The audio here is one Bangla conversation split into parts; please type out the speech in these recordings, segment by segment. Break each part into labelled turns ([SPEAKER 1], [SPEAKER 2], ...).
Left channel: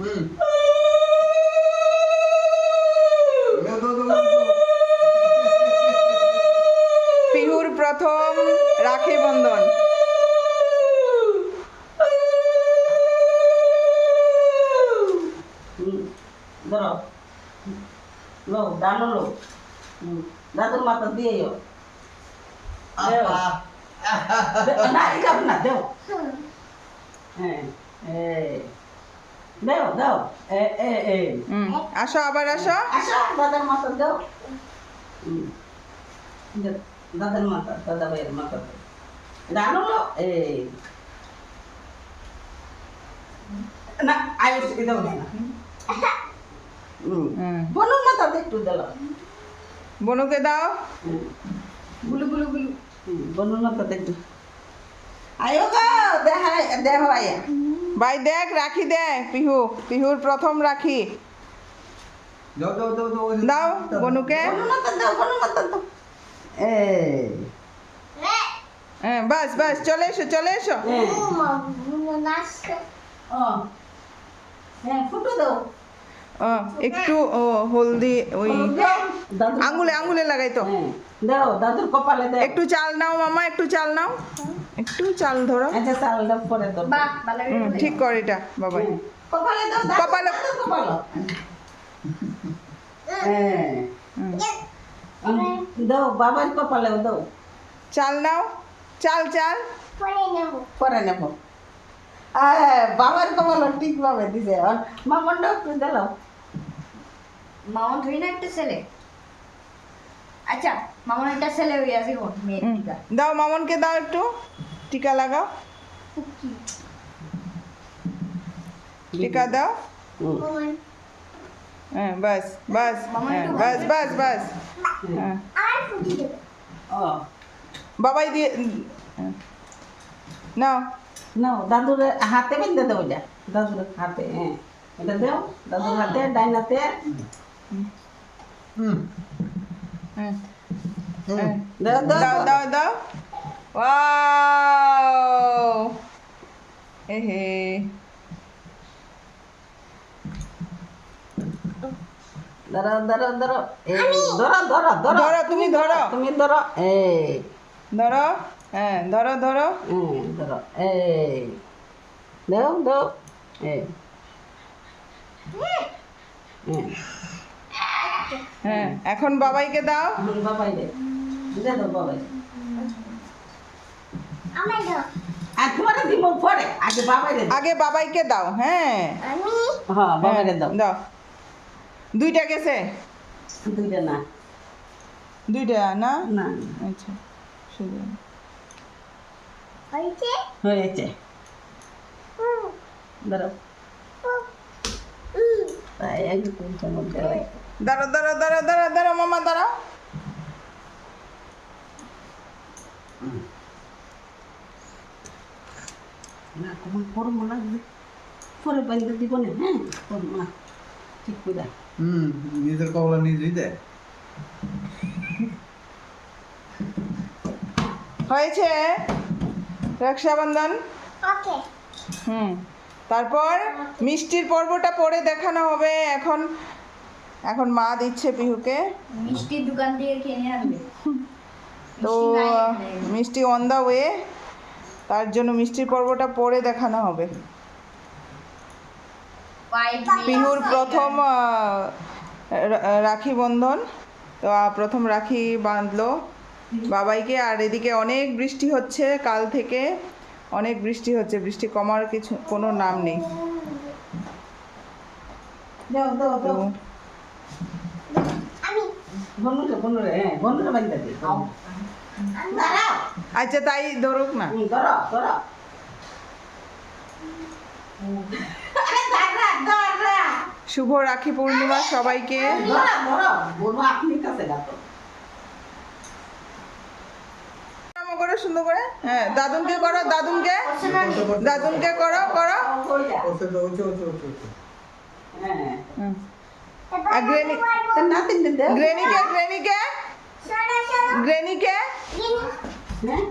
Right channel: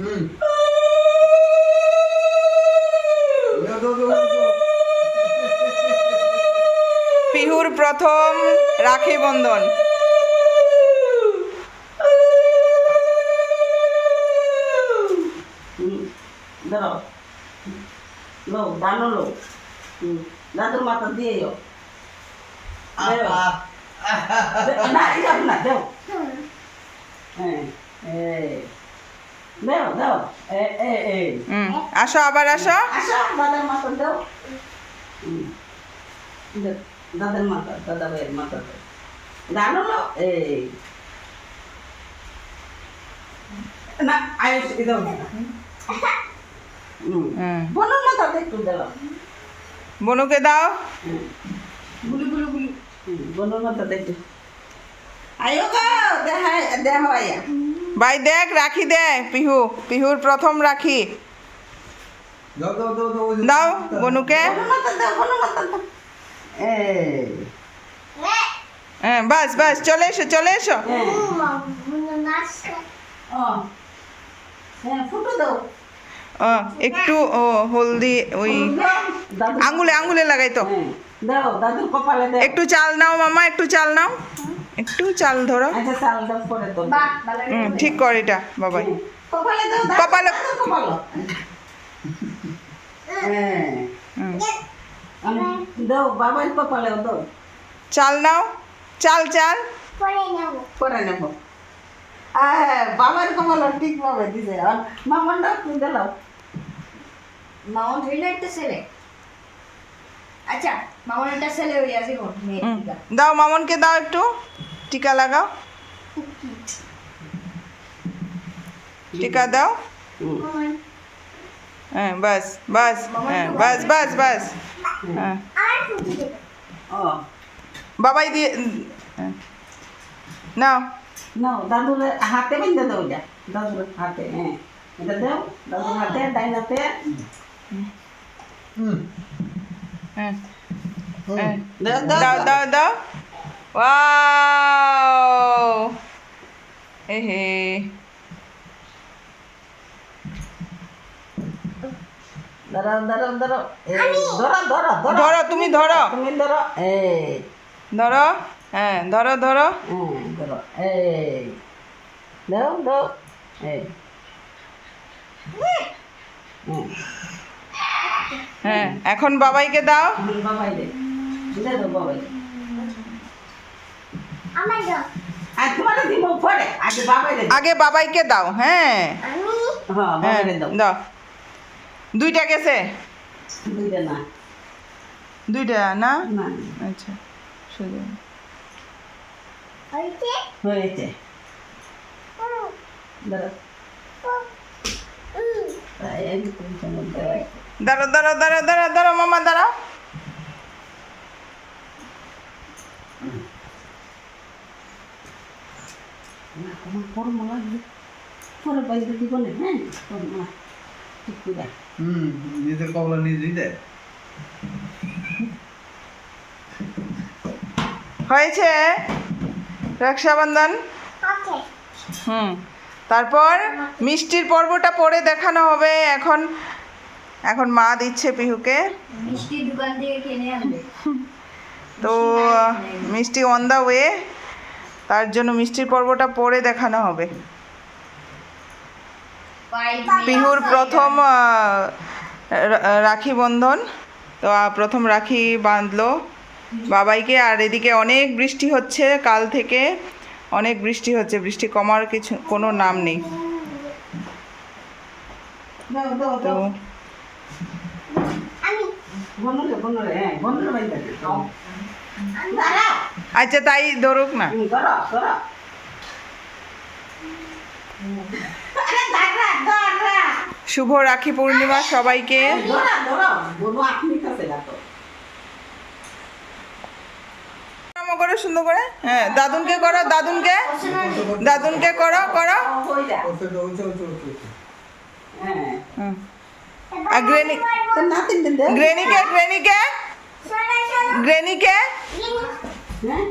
[SPEAKER 1] পিহুর প্রথম রাখি বন্ধন।
[SPEAKER 2] ধরো। লো লো দাদুর মাথা দিয়ে যাও না না দেও। হ্যাঁ এই। দেও দেও। এ এ এ।
[SPEAKER 1] আসো আবার আসো।
[SPEAKER 2] আসো দাদার মাথা দেও। দাদার মাথা দাদা ভাইয়ের মাথা দেও। এই না আয়ুষ ইদাও না বলুন না একটু দিলাম
[SPEAKER 1] বনুকে দাও।
[SPEAKER 2] গুলু গুলু গুলু বলুন না তাদের একটু। আয়ো গো দেখা দেহ আয়া
[SPEAKER 1] ভাই দেখ রাখি দে পিহু পিহুর প্রথম রাখি।
[SPEAKER 3] দাও,
[SPEAKER 1] বনুকে। হ্যাঁ বাস বাস চলে এসো চলে এসো।
[SPEAKER 2] হ্যাঁ ও হ্যাঁ ফুটো দাও।
[SPEAKER 1] ও, একটু ও হলদি ওই
[SPEAKER 2] দাদু
[SPEAKER 1] আঙ্গুলে আঙ্গুলে লাগাই তো।
[SPEAKER 2] হ্যাঁ দাও দাদুর কপালে দাও।
[SPEAKER 1] একটু চাল নাও মামা একটু চাল নাও। একটু চাল ধরো।
[SPEAKER 2] আচ্ছা চাল দাও পরে দাও
[SPEAKER 1] ঠিক কর এটা বাবাই।
[SPEAKER 2] কপালে হ্যাঁ
[SPEAKER 1] চাল নাও চাল চাল।
[SPEAKER 2] পরে নেব। বাবার কপাল ঠিক ভাবে দিছে। আর মামনটা তুমি
[SPEAKER 4] মামন ধরি না একটা ছেলে। আচ্ছা মামন একটা ছেলে আছে কোন মেয়ে
[SPEAKER 1] দাও মামনকে দাও একটু। টিকা লাগাও। টিকা দাও। হ্যাঁ বাস বাস হ্যাঁ বাস বাস বাস। হ্যাঁ। বাবাই দিয়ে হ্যাঁ। নাও।
[SPEAKER 2] নাও দাদুর হাতে বেঁধে দাও যা দাদুর হাতে হ্যাঁ। এটা দাও দাদুর হাতে ডাইন হাতে
[SPEAKER 3] হুম।
[SPEAKER 1] হ্যাঁ।
[SPEAKER 2] দাও দাও
[SPEAKER 1] দাও ওয়াও। এ
[SPEAKER 2] ধরো
[SPEAKER 1] তুমি ধরো।
[SPEAKER 2] তুমি ধরো। এই
[SPEAKER 1] ধরো। হ্যাঁ ধরো ধরো।
[SPEAKER 2] হ্যাঁ দাও হ্যাঁ
[SPEAKER 1] হ্যাঁ এখন বাবাইকে দাও।
[SPEAKER 2] বাবাই আগে
[SPEAKER 1] বাবাইকে দাও হ্যাঁ।
[SPEAKER 2] হ্যাঁ
[SPEAKER 1] হ্যাঁ
[SPEAKER 2] দাও।
[SPEAKER 1] দাও। দুইটা গেছে?
[SPEAKER 2] দুইটা না।
[SPEAKER 1] দুইটা না?
[SPEAKER 2] না।
[SPEAKER 1] আচ্ছা সোজা
[SPEAKER 2] হয়েছে? ধরো তাই একটু চমৎকার হয়।
[SPEAKER 1] দাঁড়ো দাঁড়ো দাঁড়ো দাঁড়ো দাঁড়ো মামা দাঁড়াও।
[SPEAKER 2] না তোমার পরে লাগবে। পরে বাইরে দিব না হ্যাঁ? ঠিক করে।
[SPEAKER 3] হুম, নিজের কবলা নিজেই দেয়।
[SPEAKER 1] হয়েছে? রক্ষাবন্ধন? হুম তারপর মিষ্টির পর্বটা পরে দেখানো হবে। এখন এখন মা দিচ্ছে পিহুকে।
[SPEAKER 4] মিষ্টির দোকান থেকে কিনে আনবে।
[SPEAKER 1] তো মিষ্টি অন দ্য ওয়ে তার জন্য মিষ্টির পর্বটা পরে দেখানো হবে। পিহুর প্রথম রাখি বন্ধন। তো প্রথম রাখি বাঁধলো বাবাইকে। আর এদিকে অনেক বৃষ্টি হচ্ছে কাল থেকে। অনেক বৃষ্টি হচ্ছে। বৃষ্টি কমার কিছু কোনো নাম নেই। তো
[SPEAKER 2] দাও
[SPEAKER 1] আচ্ছা তাই ধরুক না। শুভ রাখি পূর্ণিমা সবাইকে। করো সুন্দর করে। হ্যাঁ দাদুনকে করো দাদুনকে। দাদুনকে করো করো। আর গ্রেনি গ্রেনিকে গ্রেনিকে। গ্রেনিকে।
[SPEAKER 2] হ্যাঁ?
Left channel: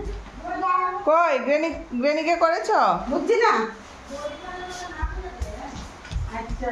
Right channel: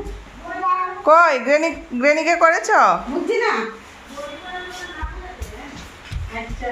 [SPEAKER 1] কই গ্রেনি গ্রেনিকে করেছ?
[SPEAKER 2] বুঝছি না? আচ্ছা।